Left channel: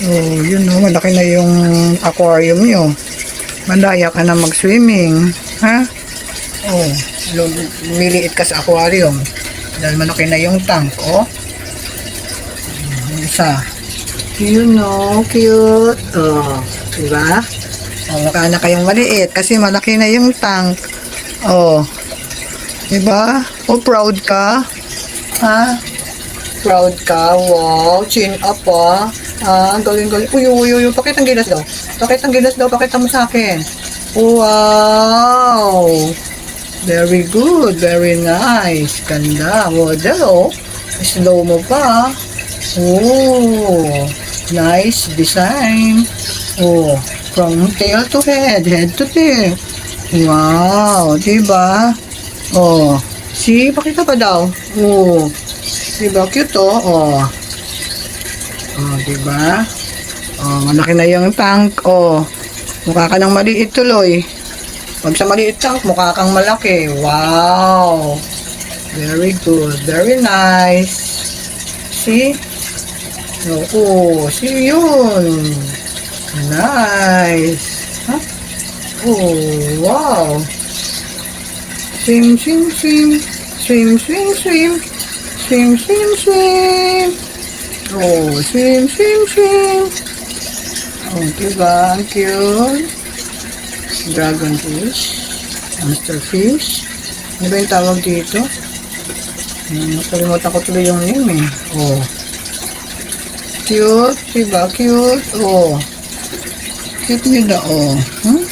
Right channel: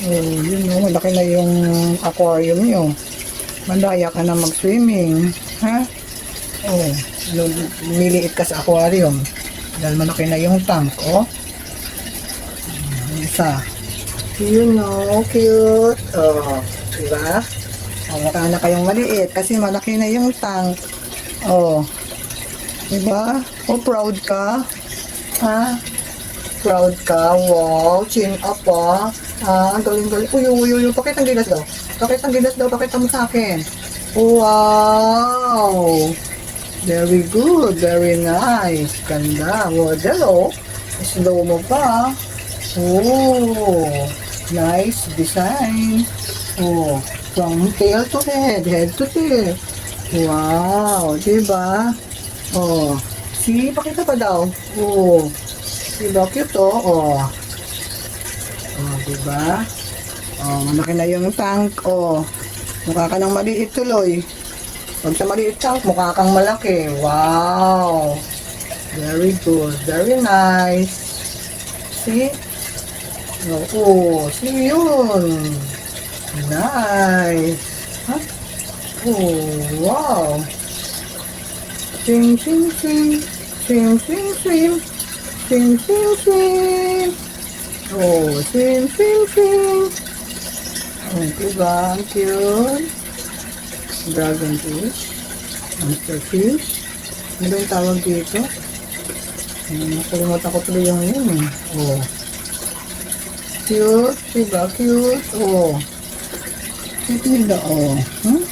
Oh, yun oh, malaki na yung aquarium nyo. Mandaya ka na mag-swimming. Ha? Oh, lumiliit ka sa aquarium. Dahil malaki na yung tank, oh. Isa. You know, cute. Oh, diba? Oh, mukha na kayong maliit kasi malaki na yung tank. Oh, diba? Oh, proud ka? Ha? Proud ka? Wow, chin up ah. Ah, galing-galing. Uy, uy, uy, uy, pakita ang gilas daw. Pakita ang gilas daw, pakita mo sa akin. Wow! Very good, very nice. Ganda. Model, oh. Slow mo pa. Oh, nice design. Oh, from tail to head, head to tail. Wow, diba? Oh, see, pakita pa daw. Oh, diba cute oh? Oh, oh, diba? Oh, malaki na yung tank. Oh, mukha ka ng maliit tuloy. Pag sa maliit tank, mukha kang malaki. Wow, very good, very nice. See? Oo, see yun. Nice. Huh? Oh, wow. Swim, swim, swim. Swim, swim, swim. Swim, swim, swim. Oh, swim, swim, swim. Oh, diba? Cute. Dragon fish. Hamster fish. Ano ba yung tawag dito? Nakalimutan ko tuloy yung name eh. Oh. Cute, diba? Cute. Oh. Cute nila, oh. Hmm?